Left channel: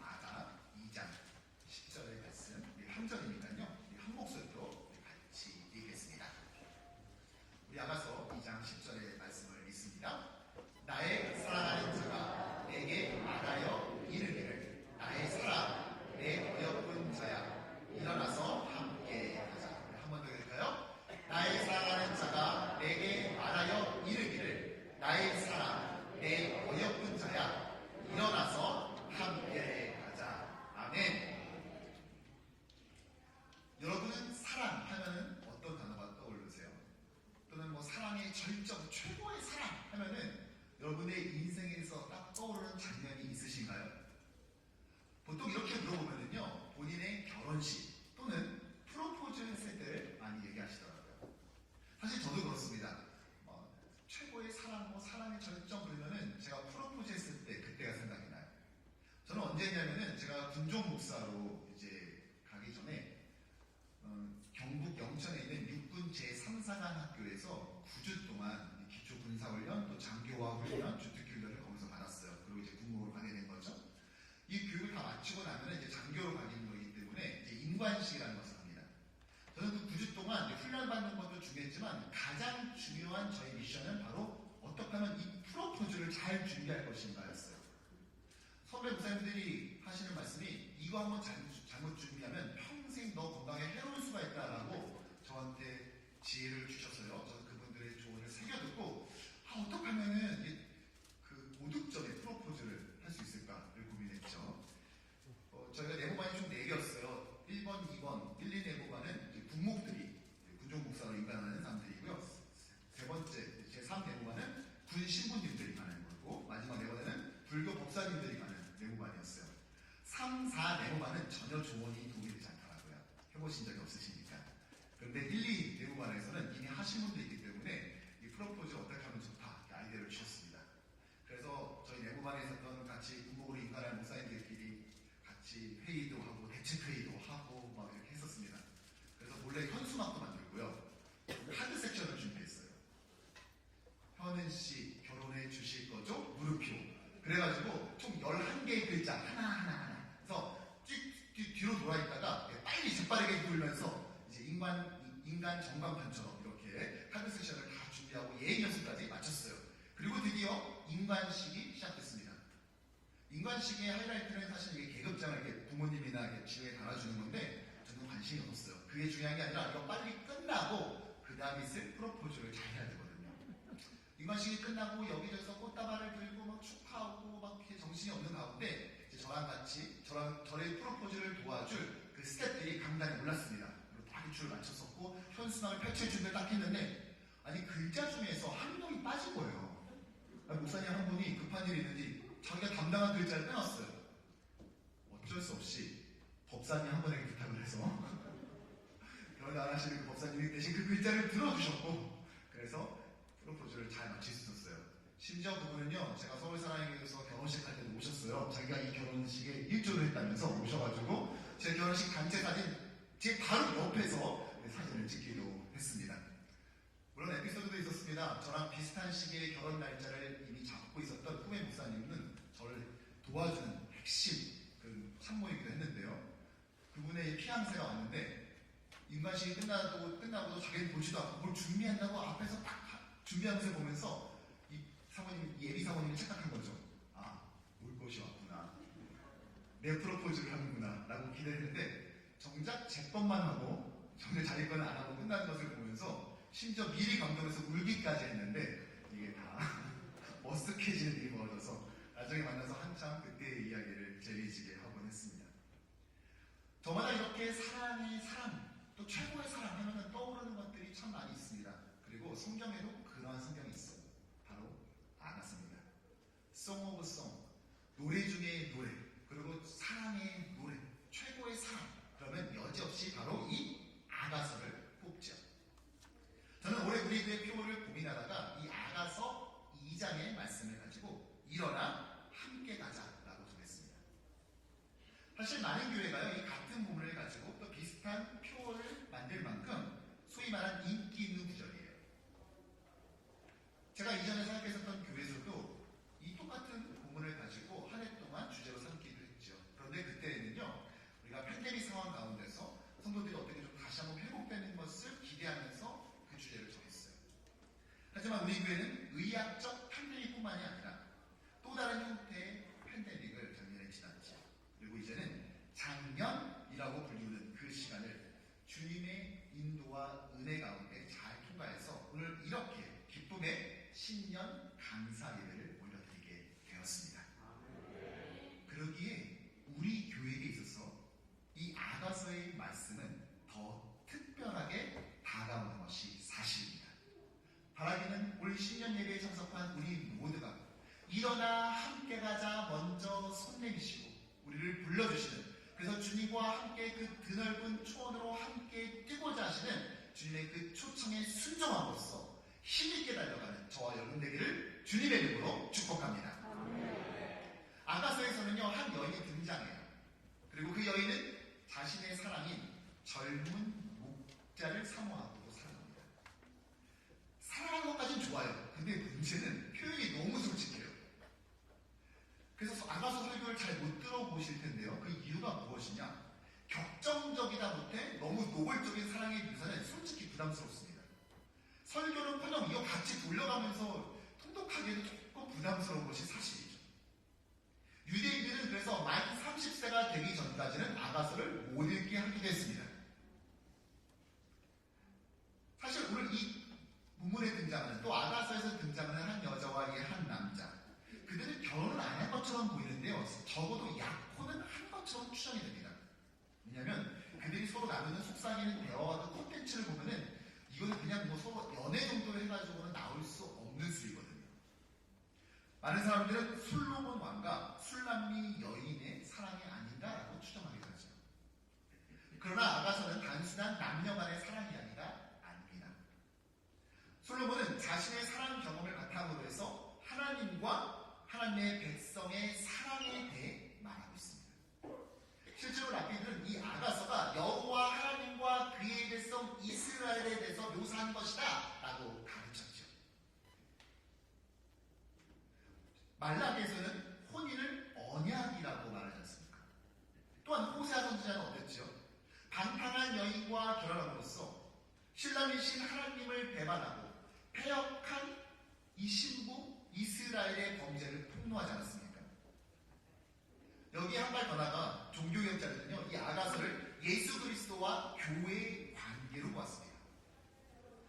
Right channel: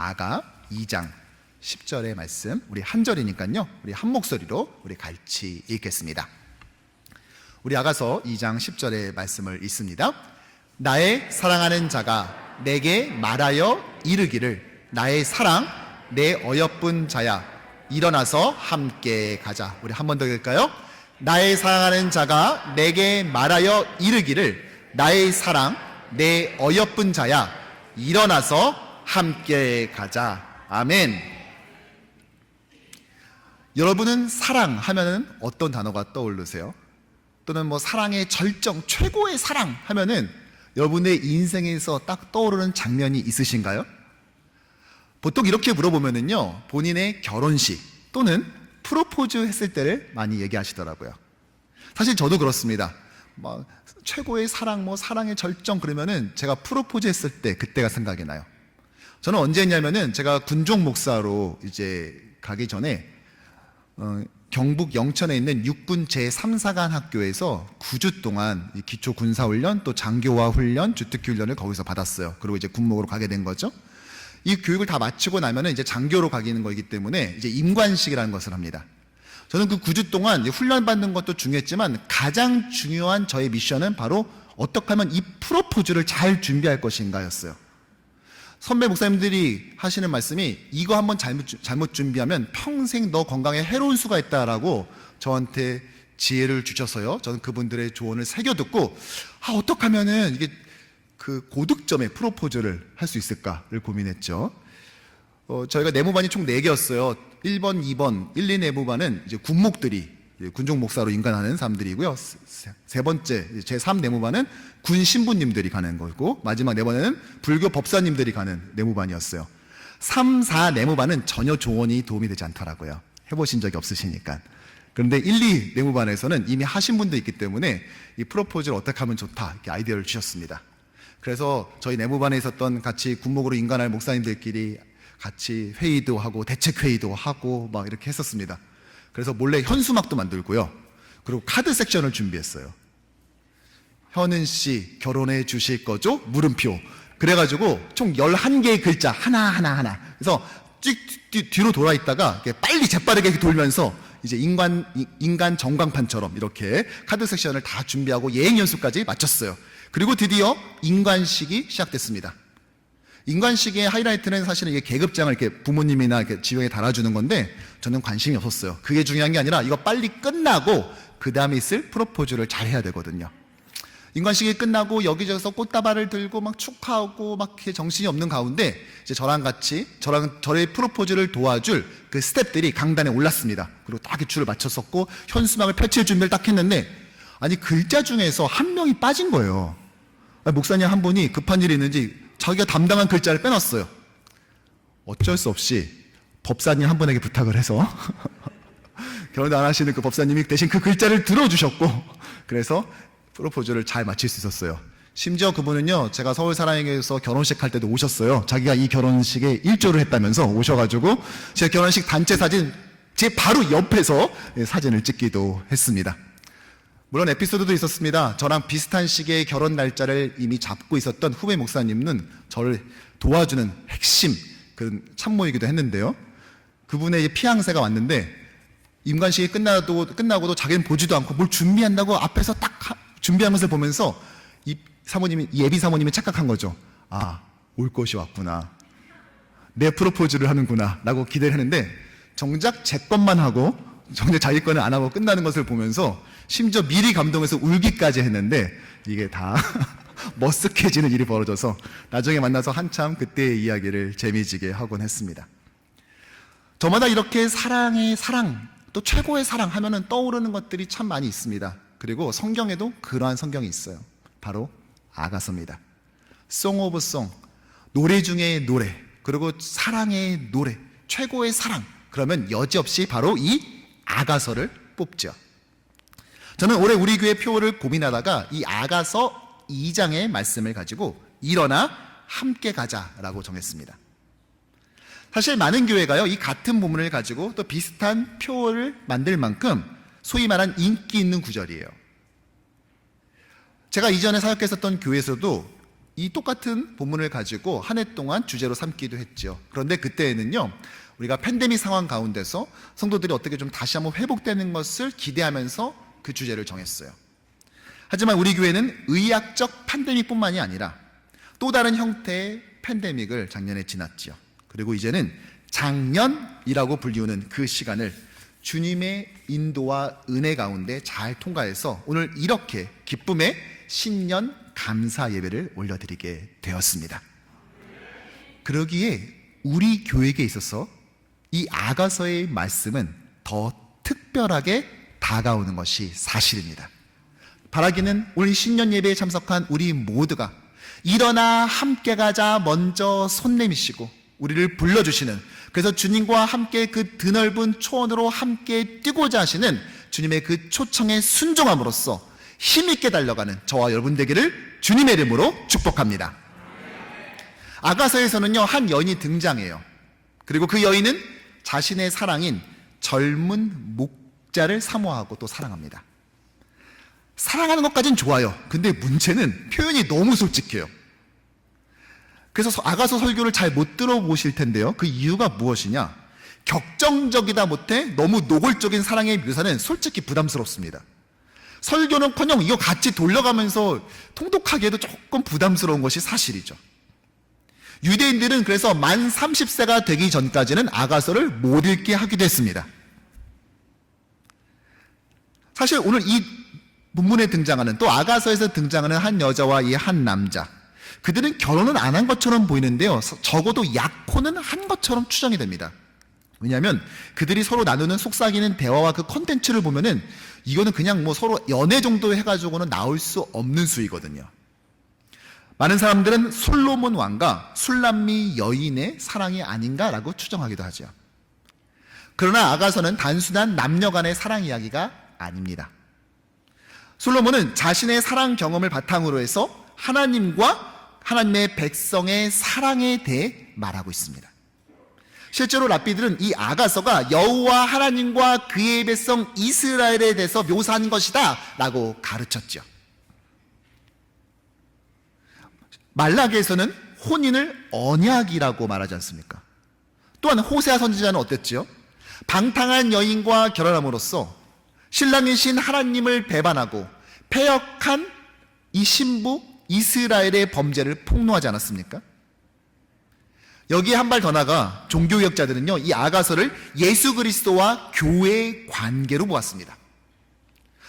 아가 2장 10절의 말씀, 우리 한 절이니까요, 우리 한 목소리로 우리 같이 읽겠습니다. 우리 아가서 2장 10절의 말씀을 읽습니다. 나의 사랑하는 자가 내게 말하여 이르기를, 나의 사랑 내 어여쁜 자야, 일어나서 함께 가자. 우리 한 번 더 읽을까요? 나의 사랑하는 자가 내게 말하여 이르기를, 나의 사랑 내 어여쁜 자야, 일어나서 함께 가자. 아멘. 여러분은 사랑하면은 어떤 단어가 떠오르세요? 또는 뭐 사랑의 절정, 최고의 사랑 하면은 여러분의 인생에서 딱 떠오르는 장면이 있으신가요? 보통 이렇게 물어보면은요, 본인의 결혼식 또는 프로포즈 했을 때를 많이 얘기하시더라고요. 사실 저도 그렇습니다. 뭐 최고의 사랑, 뭐 사랑의 절정 그러면은 제가 프로포즈 했을 때 그때가 생각이 나요. 저는 언제 했냐면은 제가 군종 목사로 이제 가기 전에 경북 영천에 있는 육군 제3사관 학교에서 9주 동안 기초 군사훈련 또 장교화 훈련, 주특기 훈련을 거기서 받았어요. 그리고 이제 군목으로 가게 된 거죠. 이 교육을 다 마치고 나면은 이제 장교로 가기는 거기 때문에 이제 임관식이라는 것을 합니다. 저는 그 9주 동안 훈련 받는 것도 중요했지만 가장 중요한 저의 미션은 바로 어떻게 하면 이 프로포즈를 잘 준비할 것인가였어요. 선배 목사님들이 하시는 말씀이, 이거 한번 잘못 준비하면 평생 너 건강에 해로울 수가 있다라고 저한테 지혜를 주셔서요, 저는 그분들의 조언을 새겨듣고 어떻게 하면은 이게 그 고득점의 프로포즈를 할 수 있을까를 고민했죠. 저희가 내무반이 총 4개였어요. 1번, 2번, 1, 2 내무반은 이제 군목들이 군종 목사로 인간하는 사람들이고요. 세 번째 제3 내무반은 군 신부님들이 가는 거고, 마지막 4번에는 불교 법사님들이 가는 내무반이었어요. 3, 4 내무반은 전혀 조언이 도움이 되지 않더라고요. 해보신 적이 없으시니까. 그런데 1, 2 내무반에서는 이미 하신 분도 있기 때문에 이 프로포즈를 어떻게 하면 좋다, 이렇게 아이디어를 주셨습니다. 그래서 저희 내무반에 있었던 같이 군목으로 인간할 목사님들끼리 같이 회의도 하고 대책회의도 하고 막 이렇게 했었습니다. 그래서 몰래 현수막도 만들고요, 그리고 카드 섹션을 준비했어요. 현은 씨 결혼해 주실 거죠? 물음표. 그래가지고 총 11개의 글자 하나. 그래서 뒤로 돌아 있다가 빨리 재빠르게 돌면서 이제 인간 전광판처럼 이렇게 카드 섹션을 다 준비하고 예행 연습까지 마쳤어요. 그리고 드디어 인관식이 시작됐습니다. 인관식의 하이라이트는 사실은 이게 계급장을 이렇게 부모님이나 이렇게 지형에 달아주는 건데 저는 관심이 없었어요. 그게 중요한 게 아니라 이거 빨리 끝나고 그 다음에 있을 프로포즈를 잘 해야 되거든요. 인관식이 끝나고 여기저기서 꽃다발을 들고 막 축하하고 막 이렇게 정신이 없는 가운데 이제 저의 프로포즈를 도와줄 그 스태프들이 강단에 올랐습니다. 그리고 딱 줄을 맞췄었고 현수막을 펼칠 준비를 딱 했는데, 아니 글자 중에서 한 명이 빠진 거예요. 목사님 한 분이 급한 일이 있는지 자기가 담당한 글자를 빼놨어요. 어쩔 수 없이 법사님 한 분에게 부탁을 해서 결혼 안 하시는 그 법사님이 대신 그 글자를 들어주셨고, 그래서 프로포즈를 잘 마칠 수 있었어요. 심지어 그분은요, 제가 서울사랑에서 결혼식 할 때도 오셨어요. 자기가 이 결혼식에 일조를 했다면서 오셔가지고 제 결혼식 단체 사진 제 바로 옆에서 사진을 찍기도 했습니다. 물론 에피소드도 있었습니다. 저랑 비슷한 시기에 결혼 날짜를 이미 잡고 있었던 후배 목사님은 저를 도와주는 핵심 그 참모이기도 했는데요. 그분의 피앙새가 왔는데 임관식이 끝나고도 자기는 보지도 않고 뭘 준비한다고 앞에서 딱 준비하면서 보면서 이 예비 사모님이 착각한 거죠. 올 것이 왔구나, 내 프로포즈를 하는구나 라고 기대를 했는데, 정작 제 것만 하고 정작 자기 거는 안 하고 끝나는 것을 보면서 심지어 미리 감동해서 울기까지 했는데, 이게 다 머쓱해지는 일이 벌어져서 나중에 만나서 한참 그때의 이야기를 재미지게 하곤 했습니다. 저마다 이렇게 사랑의 사랑, 또 최고의 사랑 하면은 떠오르는 것들이 참 많이 있습니다. 그리고 성경에도 그러한 성경이 있어요. 바로 아가서입니다. Song of Song, 노래 중에 노래, 그리고 사랑의 노래, 최고의 사랑, 그러면 여지없이 바로 이 아가서를 뽑죠. 저는 올해 우리 교회 표를 고민하다가 이 아가서 2장의 말씀을 가지고 일어나 함께 가자라고 정했습니다. 사실 많은 교회가요, 이 같은 본문을 가지고 또 비슷한 표를 만들 만큼 소위 말한 인기 있는 구절이에요. 제가 이전에 사역했었던 교회에서도 이 똑같은 본문을 가지고 한 해 동안 주제로 삼기도 했죠. 그런데 그때에는요, 우리가 팬데믹 상황 가운데서 성도들이 어떻게 좀 다시 한번 회복되는 것을 기대하면서 그 주제를 정했어요. 하지만 우리 교회는 의학적 팬데믹뿐만이 아니라 또 다른 형태의 팬데믹을 작년에 지났죠. 그리고 이제는 장년이라고 불리우는 그 시간을 주님의 인도와 은혜 가운데 잘 통과해서 오늘 이렇게 기쁨의 신년 감사 예배를 올려드리게 되었습니다. 그러기에 우리 교회에 있어서 이 아가서의 말씀은 더 특별하게 다가오는 것이 사실입니다. 바라기는 오늘 신년 예배에 참석한 우리 모두가 일어나 함께 가자 먼저 손 내미시고 우리를 불러주시는, 그래서 주님과 함께 그 드넓은 초원으로 함께 뛰고자 하시는 주님의 그 초청에 순종함으로써 힘있게 달려가는 저와 여러분 되기를 주님의 이름으로 축복합니다. 아가서에서는요, 한 여인이 등장해요. 그리고 그 여인은 자신의 사랑인 젊은 목자를 사모하고 또 사랑합니다. 사랑하는 것까진 좋아요. 근데 문제는 표현이 너무 솔직해요. 그래서 아가서 설교를 잘 못 들어보실 텐데요, 그 이유가 무엇이냐? 격정적이다 못해 너무 노골적인 사랑의 묘사는 솔직히 부담스럽습니다. 설교는커녕 이거 같이 돌려가면서 통독하기에도 조금 부담스러운 것이 사실이죠. 유대인들은 그래서 만 30세가 되기 전까지는 아가서를 못 읽게 하기도 했습니다. 사실 오늘 이 본문에 등장하는, 또 아가서에서 등장하는 한 여자와 이 한 남자, 그들은 결혼은 안 한 것처럼 보이는데요, 적어도 약혼은 한 것처럼 추정이 됩니다. 왜냐하면 그들이 서로 나누는 속삭이는 대화와 그 컨텐츠를 보면은 이거는 그냥 뭐 서로 연애 정도 해가지고는 나올 수 없는 수이거든요. 많은 사람들은 솔로몬 왕과 술람미 여인의 사랑이 아닌가라고 추정하기도 하죠. 그러나 아가서는 단순한 남녀 간의 사랑 이야기가 아닙니다. 솔로몬은 자신의 사랑 경험을 바탕으로 해서 하나님과 하나님의 백성의 사랑에 대해 말하고 있습니다. 실제로 랍비들은 이 아가서가 여호와 하나님과 그의 백성 이스라엘에 대해서 묘사한 것이다 라고 가르쳤죠. 말라기에서는 혼인을 언약이라고 말하지 않습니까? 또한 호세아 선지자는 어땠지요? 방탕한 여인과 결혼함으로써 신랑이신 하나님을 배반하고 패역한 이 신부 이스라엘의 범죄를 폭로하지 않았습니까? 여기에 한 발 더 나가 종교개혁자들은요, 이 아가서를 예수 그리스도와 교회의 관계로 보았습니다.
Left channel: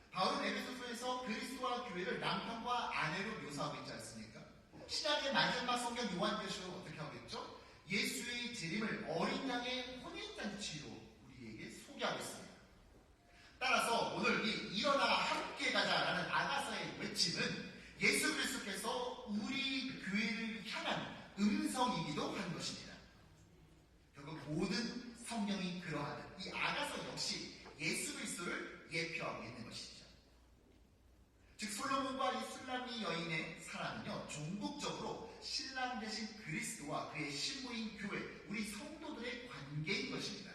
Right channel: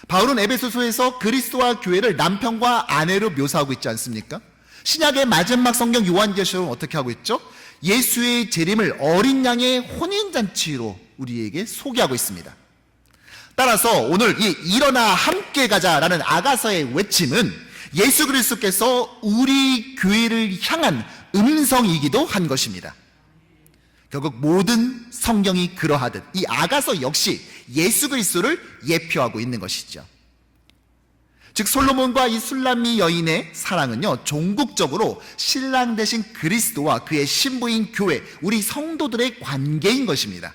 바울은 에베소서에서 그리스도와 교회를 남편과 아내로 묘사하고 있지 않습니까? 신약의 마지막 성경 요한계시록은 어떻게 하고 있죠? 예수의 재림을 어린 양의 혼인잔치로 우리에게 소개하고 있습니다. 따라서 오늘 이 일어나 함께 가자라는 아가서의 외침은 예수 그리스도께서 우리 교회를 향한 음성이기도 한 것입니다. 결국 모든 성경이 그러하듯 이 아가서 역시 예수 그리스도를 예표하고 있는 것이죠. 즉 솔로몬과 이 술람미 여인의 사랑은요, 종국적으로 신랑 되신 그리스도와 그의 신부인 교회, 우리 성도들의 관계인 것입니다.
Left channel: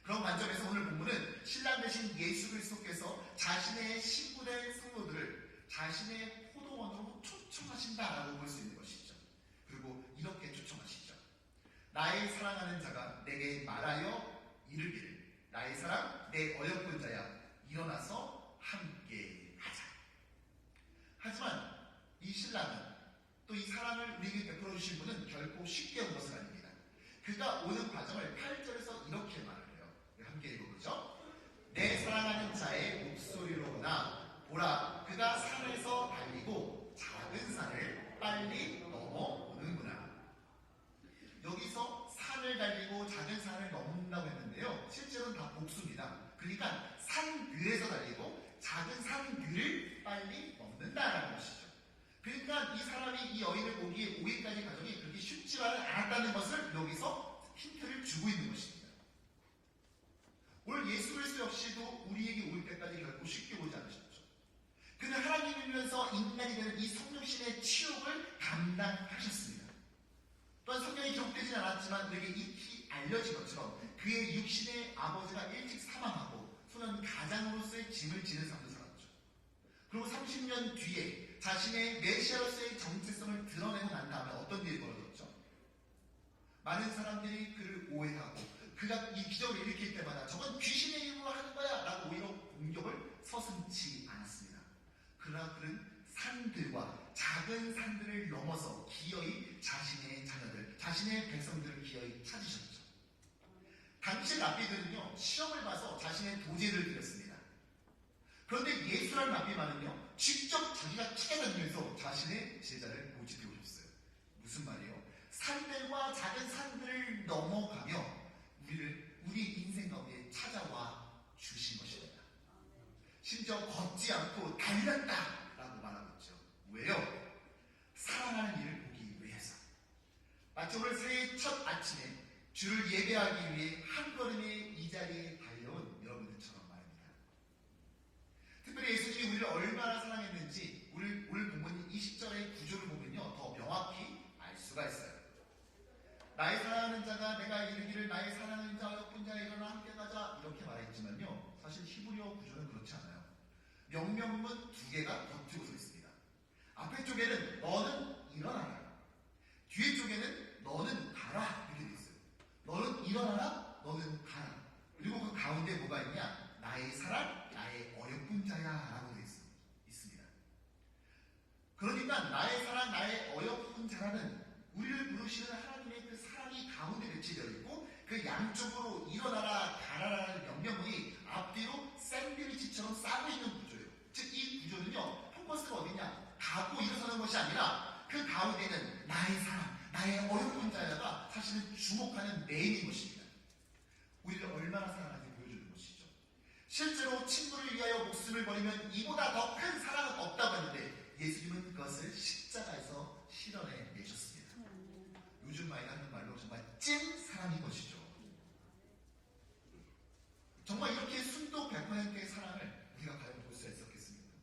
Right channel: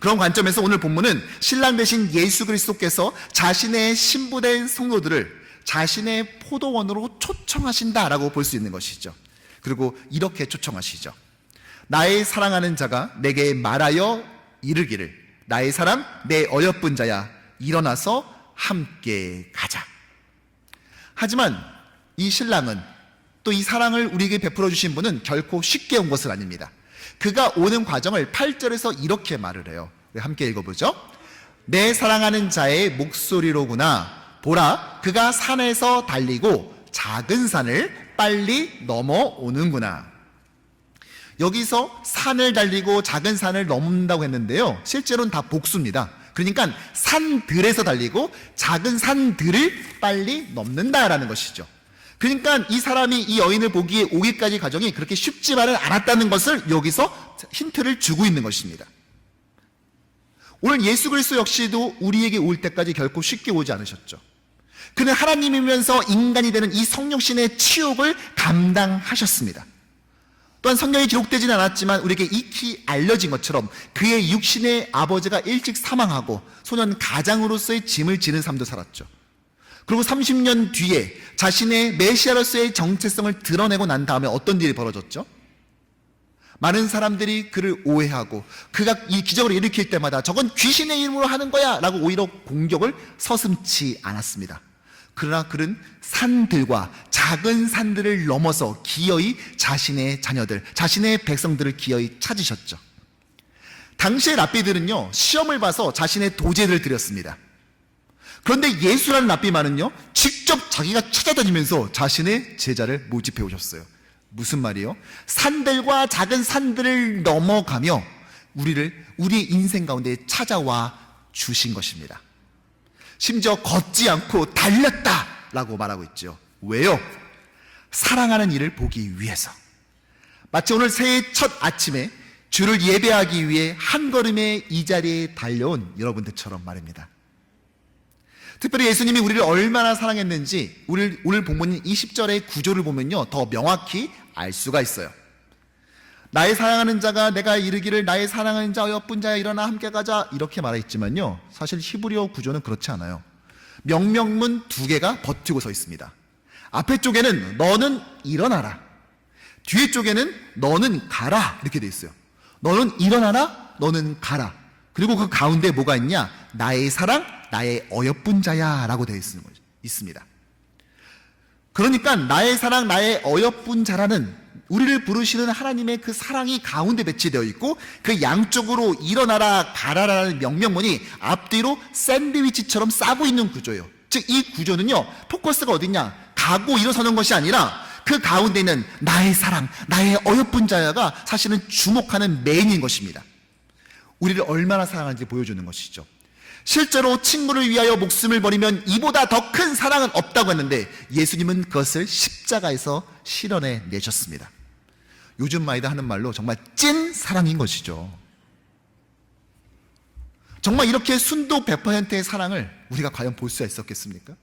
그런 관점에서 오늘 본문은 신랑 되신 예수 그리스도께서 자신의 신부된 성도들을 자신의 포도원으로 초청하신다라고 볼 수 있는 것이죠. 그리고 이렇게 초청하시죠. 나의 사랑하는 자가 내게 말하여 이르기를, 나의 사랑 내 어여쁜 자야, 일어나서 함께 가자. 하지만 이 신랑은, 또 이 사랑을 우리에게 베풀어 주신 분은 결코 쉽게 온 것은 아닙니다. 그가 오는 과정을 8절에서 이렇게 말을 해요. 함께 읽어보죠. 내 사랑하는 자의 목소리로구나. 보라, 그가 산에서 달리고 작은 산을 빨리 넘어오는구나. 여기서 산을 달리고 작은 산을 넘는다고 했는데요, 실제로는 다 복수입니다. 그러니까 산들에서 달리고 작은 산들을 빨리 넘는다라는 것이죠. 그러니까 이 사람이 이 여인을 보기에 오기까지 과정이 그렇게 쉽지만은 않았다는 것을 여기서 힌트를 주고 있는 것입니다. 오늘 예수 그리스도 역시도 우리에게 올 때까지 결코 쉽게 오지 않으셨죠. 그는 하나님이면서 인간이 되는 이 성육신의 치욕을 감당하셨습니다. 또한 성경에 기록되지는 않았지만 우리에게 익히 알려진 것처럼 그의 육신의 아버지가 일찍 사망하고 소년 가장으로서의 짐을 지는 삶도 살았죠. 그리고 30년 뒤에 자신의 메시아로서의 정체성을 드러내고 난 다음에 어떤 일이 벌어졌죠? 많은 사람들이 그를 오해하고 그가 이 기적을 일으킬 때마다 저건 귀신의 이름으로 하는 거야 라고 오히려 공격을 서슴지 않았습니다. 그러나 그는 산들과 작은 산들을 넘어서 기어이 자신의 자녀들, 자신의 백성들을 기어이 찾으셨죠. 당시의 랍비들은요, 시험을 봐서 자신의 도제를 드렸습니다. 그런데 예수라는 랍비만은요, 직접 자기가 찾아다니면서 자신의 제자를 모집해 오셨어요. 무슨 말이에요? 산들과 작은 산들을 넘어가며 우리 인생 가운데 찾아와 주신 것입니다. 심지어 걷지 않고 달렸다라고 말하고 있죠. 왜요? 사랑하는 이를 보기 위해서. 마치 오늘 새해 첫 아침에 주를 예배하기 위해 한 걸음에 이 자리에 달려온 여러분들처럼 말입니다. 특별히 예수님이 우리를 얼마나 사랑했는지 오늘 본문인 20절의 구조를 보면요, 더 명확히 알 수가 있어요. 나의 사랑하는 자가 내가 이르기를 나의 사랑하는 자 어여쁜 자야 일어나 함께 가자 이렇게 말했지만요, 사실 히브리어 구조는 그렇지 않아요. 명령문 두 개가 버티고 서 있습니다. 앞에 쪽에는 너는 일어나라, 뒤에 쪽에는 너는 가라 이렇게 돼 있어요. 너는 일어나라, 너는 가라. 그리고 그 가운데 뭐가 있냐? 나의 사랑, 나의 어여쁜 자야 라고 되어 있습니다. 그러니까 나의 사랑, 나의 어여쁜 자라는 우리를 부르시는 하나님의 그 사랑이 가운데 배치되어 있고, 그 양쪽으로 일어나라 가라라는 명령문이 앞뒤로 샌드위치처럼 싸고 있는 구조예요. 즉 이 구조는요, 포커스가 어디냐? 가고 일어서는 것이 아니라 그 가운데 있는 나의 사랑, 나의 어여쁜 자야가 사실은 주목하는 메인인 것입니다. 우리를 얼마나 사랑하는지 보여주는 것이죠. 실제로 친구를 위하여 목숨을 버리면 이보다 더 큰 사랑은 없다고 했는데 예수님은 그것을 십자가에서 실현해 내셨습니다. 요즘 마이다 하는 말로 정말 찐 사랑인 것이죠. 정말 이렇게 순도 100%의 사랑을 우리가 과연 볼 수 있었겠습니까?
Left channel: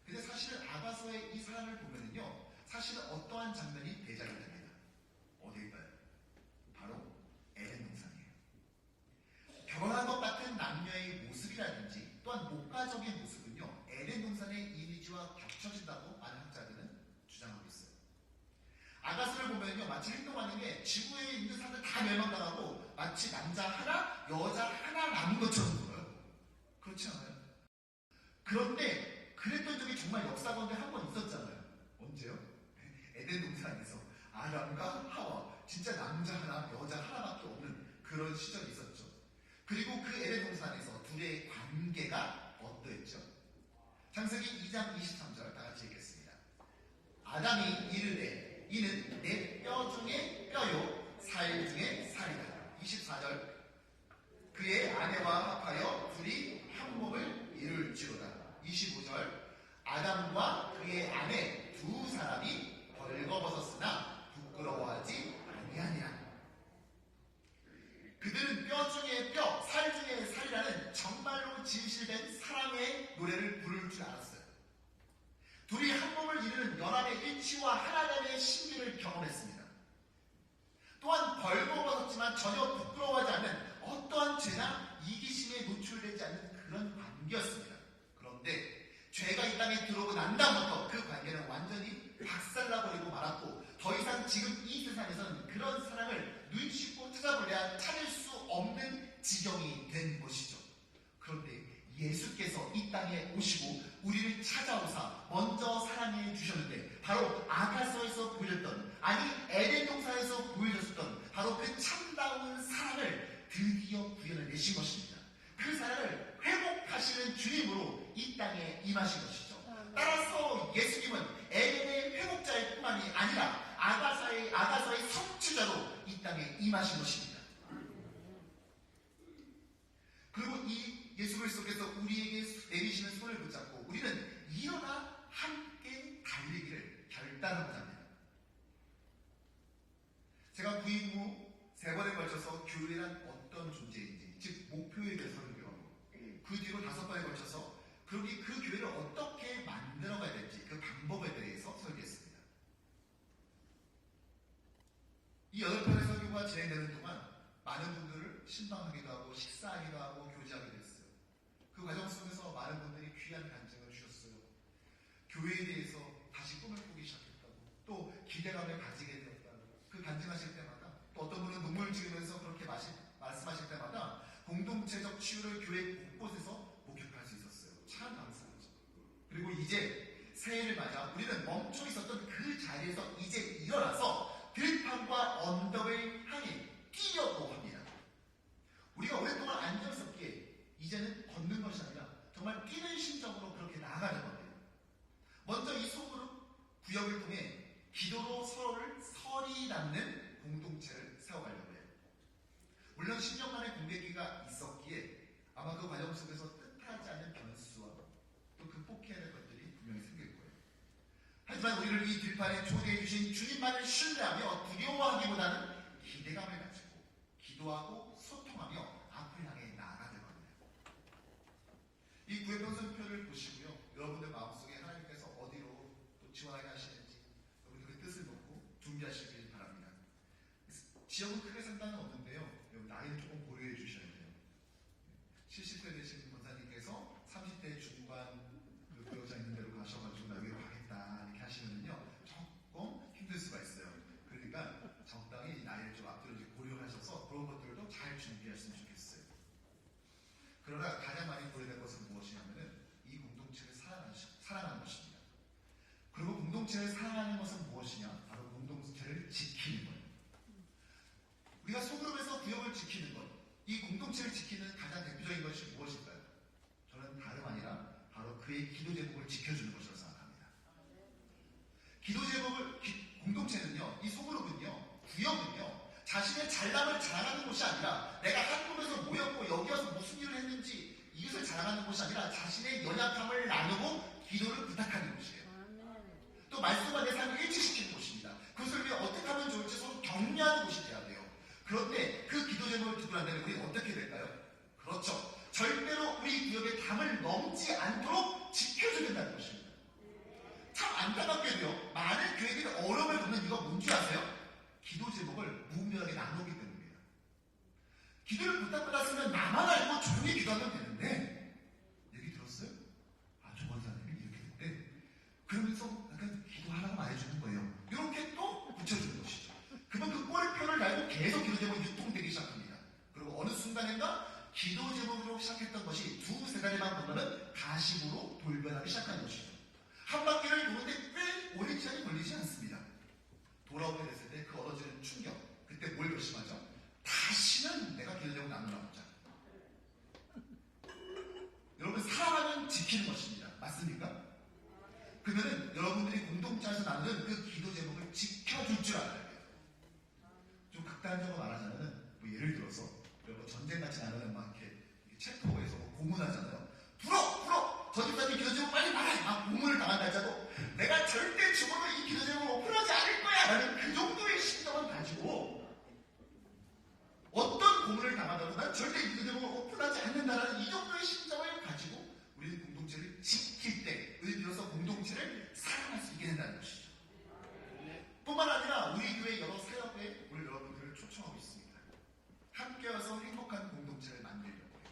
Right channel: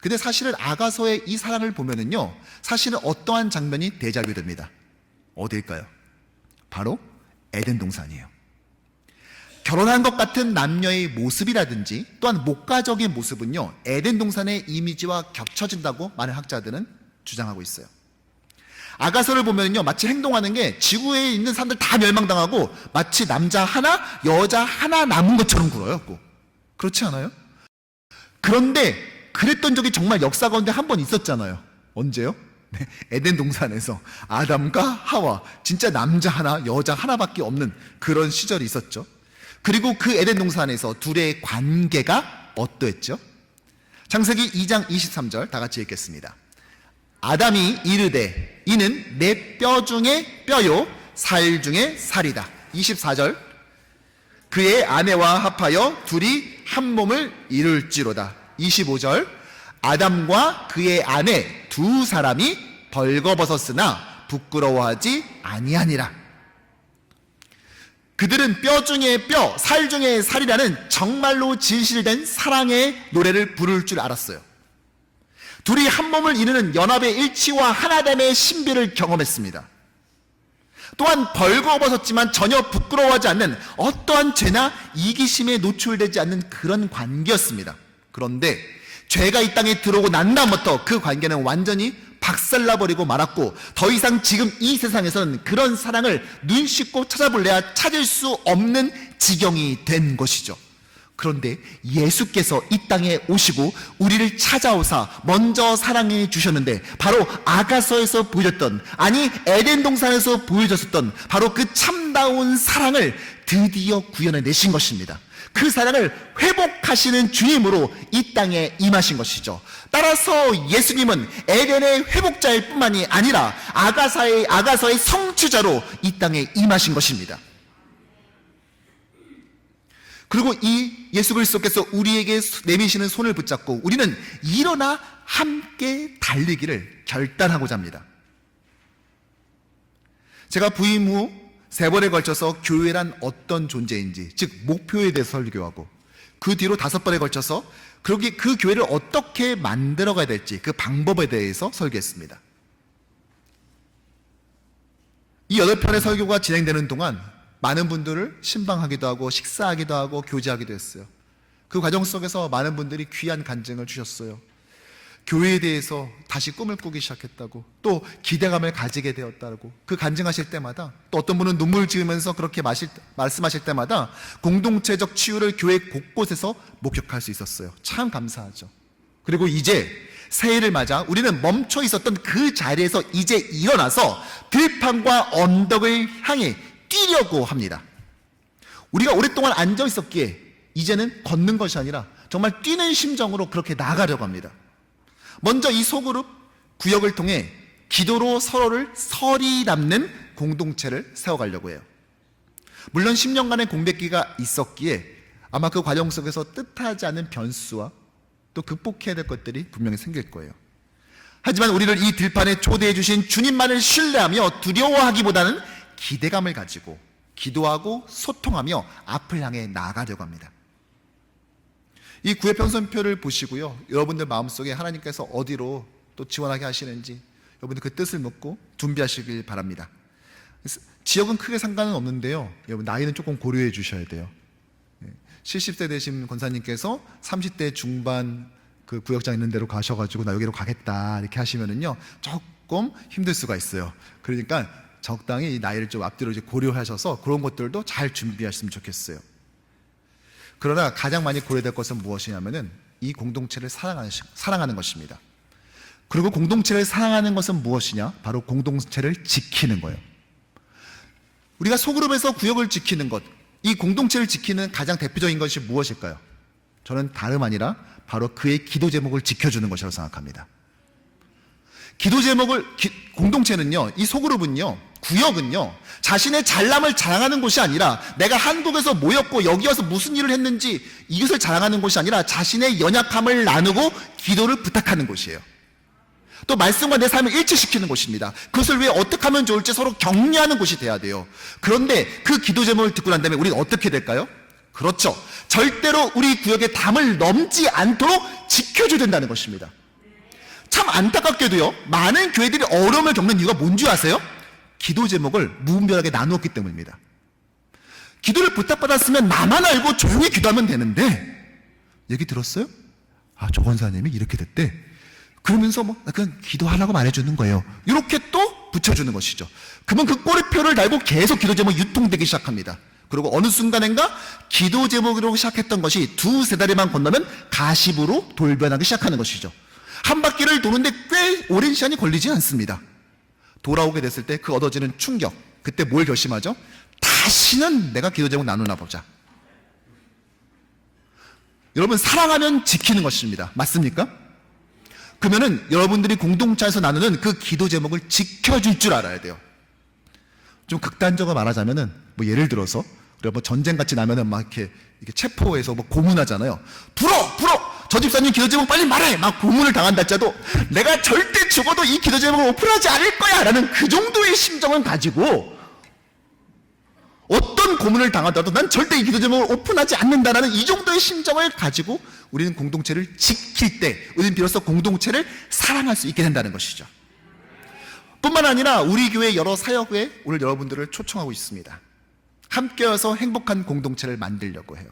근데 사실은 아가서의 이 사랑을 보면은요, 사실은 어떠한 장면이 데자뷰 됩니다. 어디일까요? 바로 에덴 동산이에요. 결혼한 것 같은 남녀의 모습이라든지 또한 목가적인 모습은요, 에덴 동산의 이미지와 겹쳐진다고 많은 학자들은 주장하고 있어요. 아가서를 보면요, 마치 행동하는 게 지구에 있는 사람들 다 멸망당하고 마치 남자 하나, 여자 하나 남은 것처럼 굴어요. 꼭. 그렇지 않아요? 그런데 그랬던 적이 정말 역사 가운데 한 번 있었잖아요. 언제요? 네, 에덴 동산에서 아담과 하와, 진짜 남자 하나, 여자 하나밖에 없는 그런 시절이 있었죠. 그리고 그 에덴 동산에서 둘의 관계가 어떠했죠? 창세기 2장 23절 다 같이 읽겠습니다. 아담이 이르되 이는 내 뼈 중에 뼈요 살 중에 살이다. 24절 그의 아내와 합하여 둘이 한 몸을 이룰지로다. 25절 아담과 그의 아내 두 사람이 벌거벗었으나 부끄러워하지 아니하니라. 그들은 뼈 중에 뼈, 살 중에 살이라는 정말로 진실된 사랑의 노래를 부를 줄 알았어요. 둘이 한 몸을 이루는 연합의 일치와 하나됨의 신비를 경험했습니다. 또한 벌거벗었지만 전혀 부끄러워하지 않는 어떠한 죄나 이기심에 노출되지 않는 그런 관계였습니다. 그런데 죄가 이 땅에 들어오고 난 다음부터 그 관계는 완전히 박살나버리고 말았고, 더 이상 지금 이 세상에서는 그런 사랑을 눈 씻고 찾아볼래야 찾을 수 없는 지경이 된 것이죠. 그런데 예수께서 이 땅에 오시고 우리를 찾아오사 먼저 사랑해 주셨는데, 바로 아가서에서 보여줬던, 아니 에덴 동산에서 보여줬었던 바로 그 참다운 사랑을 드디어 구현해 내신 것입니다. 그 사랑을 회복하시는 주님으로 이 땅에 임하신 것이죠. 따라서 예수님은 에덴의 회복자일 뿐만이 아니라 아가서의 성취자로 이 땅에 임하신 것입니다. 그리고 이 예수 그리스도께서 우리에게 내미시는 손을 붙잡고 우리는 일어나 함께 달리기를 결단하고자 합니다. 제가 부임 후 3번에 걸쳐서 교회란 어떤 존재인지, 즉 목표에 대해서 설교하고, 그 뒤로 5번에 걸쳐서 그 교회를 어떻게 만들어가야 될지 그 방법에 대해서 설교했습니다. 이 8편의 설교가 진행되는 동안 많은 분들을 신방하기도 하고 식사하기도 하고 교제하기도 했어요. 그 과정 속에서 많은 분들이 귀한 간증을 주셨어요. 교회에 대해서 다시 꿈을 꾸기 시작했다고, 또 기대감을 가지게 되었다고, 그 간증하실 때마다, 또 어떤 분은 눈물 지으면서 그렇게 말씀하실 때마다 공동체적 치유를 교회 곳곳에서 목격할 수 있었어요. 참 감사하죠. 그리고 이제 새해를 맞아 우리는 멈춰 있었던 그 자리에서 이제 일어나서 들판과 언덕을 향해 뛰려고 합니다. 우리가 오랫동안 앉아 있었기에 이제는 걷는 것이 아니라 정말 뛰는 심정으로 그렇게 나가려고 합니다. 먼저 이 소그룹 구역을 통해 기도로 서로를 설이 남는 공동체를 세워가려고 해요. 물론 10년간의 공백기가 있었기에 아마 그 과정 속에서 뜻하지 않은 변수와 또 극복해야 될 것들이 분명히 생길 거예요. 하지만 우리를 이 들판에 초대해 주신 주님만을 신뢰하며 두려워하기보다는 기대감을 가지고 기도하고 소통하며 앞을 향해 나아가려고 합니다. 이 구회 편성표를 보시고요, 여러분들 마음속에 하나님께서 어디로 또 지원하게 하시는지 여러분들 그 뜻을 묻고 준비하시길 바랍니다. 지역은 크게 상관은 없는데요, 여러분 나이는 조금 고려해 주셔야 돼요. 70세 되신 권사님께서 30대 중반 그 구역장 있는 데로 가셔가지고 나 여기로 가겠다 이렇게 하시면은요 조금 힘들 수가 있어요. 그러니까 적당히 이 나이를 좀 앞뒤로 이제 고려하셔서 그런 것들도 잘 준비하셨으면 좋겠어요. 그러나 가장 많이 고려될 것은 무엇이냐면은 이 공동체를 사랑하는 것입니다. 그리고 공동체를 사랑하는 것은 무엇이냐? 바로 공동체를 지키는 거예요. 우리가 소그룹에서 구역을 지키는 것, 이 공동체를 지키는 가장 대표적인 것이 무엇일까요? 저는 다름 아니라 바로 그의 기도 제목을 지켜주는 것이라고 생각합니다. 기도 제목을, 공동체는요, 이 소그룹은요, 구역은요, 자신의 잘남을 자랑하는 곳이 아니라 내가 한국에서 모였고 여기 와서 무슨 일을 했는지 이것을 자랑하는 곳이 아니라 자신의 연약함을 나누고 기도를 부탁하는 곳이에요. 또 말씀과 내 삶을 일치시키는 곳입니다. 그것을 왜 어떻게 하면 좋을지 서로 격려하는 곳이 돼야 돼요. 그런데 그 기도 제목을 듣고 난 다음에 우리는 어떻게 될까요? 그렇죠. 절대로 우리 구역의 담을 넘지 않도록 지켜줘야 된다는 것입니다. 참 안타깝게도요, 많은 교회들이 어려움을 겪는 이유가 뭔지 아세요? 기도 제목을 무분별하게 나누었기 때문입니다. 기도를 부탁받았으면 나만 알고 조용히 기도하면 되는데, 얘기 들었어요? 아, 조 권사님이 이렇게 됐대. 그러면서 뭐 그냥 기도하라고 말해주는 거예요. 이렇게 또 붙여주는 것이죠. 그러면 그 꼬리표를 달고 계속 기도 제목이 유통되기 시작합니다. 그리고 어느 순간인가 기도 제목으로 시작했던 것이 두세 달에만 건너면 가십으로 돌변하기 시작하는 것이죠. 한 바퀴를 도는데 꽤 오랜 시간이 걸리지 않습니다. 돌아오게 됐을 때 그 얻어지는 충격, 그때 뭘 결심하죠? 다시는 내가 기도 제목 나누나 보자. 여러분, 사랑하면 지키는 것입니다. 맞습니까? 그러면은 여러분들이 공동체에서 나누는 그 기도 제목을 지켜줄 줄 알아야 돼요. 좀 극단적으로 말하자면은, 뭐 예를 들어서 우리가 뭐 전쟁 같이 나면은 막 이렇게 체포해서 뭐 고문하잖아요. 불어! 저 집사님 기도 제목 빨리 말해! 막 고문을 당한다 할지라도 내가 절대 죽어도 이 기도 제목을 오픈하지 않을 거야! 라는 그 정도의 심정을 가지고, 어떤 고문을 당하더라도 난 절대 이 기도 제목을 오픈하지 않는다라는 이 정도의 심정을 가지고 우리는 공동체를 지킬 때 우리는 비로소 공동체를 사랑할 수 있게 된다는 것이죠. 뿐만 아니라 우리 교회 여러 사역에 오늘 여러분들을 초청하고 있습니다. 함께여서 행복한 공동체를 만들려고 해요.